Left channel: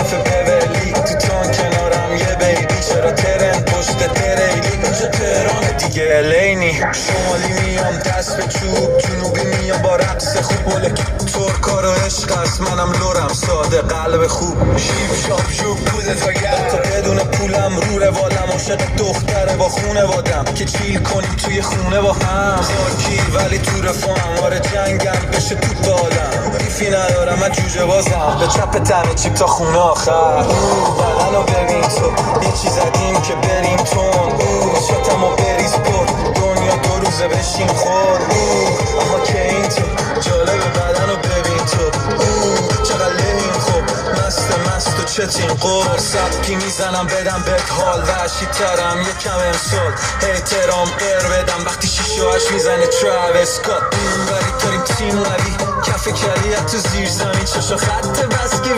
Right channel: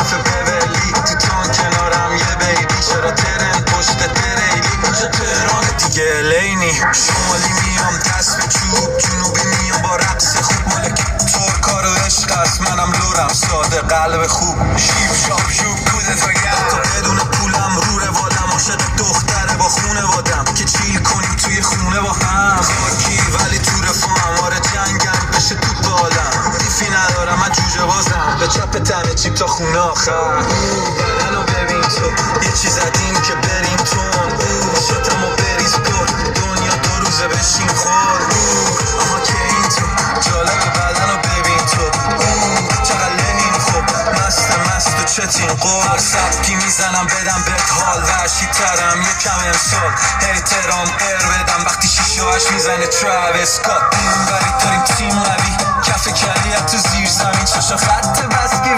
کف بولی تو تان کنارم یه بیبی چرا ترن پشت تریلی اینجا تهران دیگه لینی شمالی میام دست به چوب جنوبی میام با رقص خوب ملک ترکا رو عشق هست منم لورم ساده قلب خوب شیب شاب شوب کوزه تا گرد تا بدون پولم رو روالم عاشق دختره با خونه وادم که چیل کنیم توی خونه با هم خاکی ولی تو رفاهم آره جنگم بشه تو بالم دیفی ندارم من جوجه بازم به چپ تنه چیپ تا خونه آخر بدن رو ببین تو یه چیز زدیم که بریم تون شتم و بریز پر دنیا 2 روزه بشین خور اما که این تو جالب بدن رو ببین تو چقدر لنیم خب مست و چتین قول سبکی میزنم بدم بهت حال وحشی ترم یکم امسال احترام قر بدم وقتی 6 و 8 میزنه تراویس سکات این وری داریم تیم قوی کف کلیت تو زیر زمین چشا خط بس که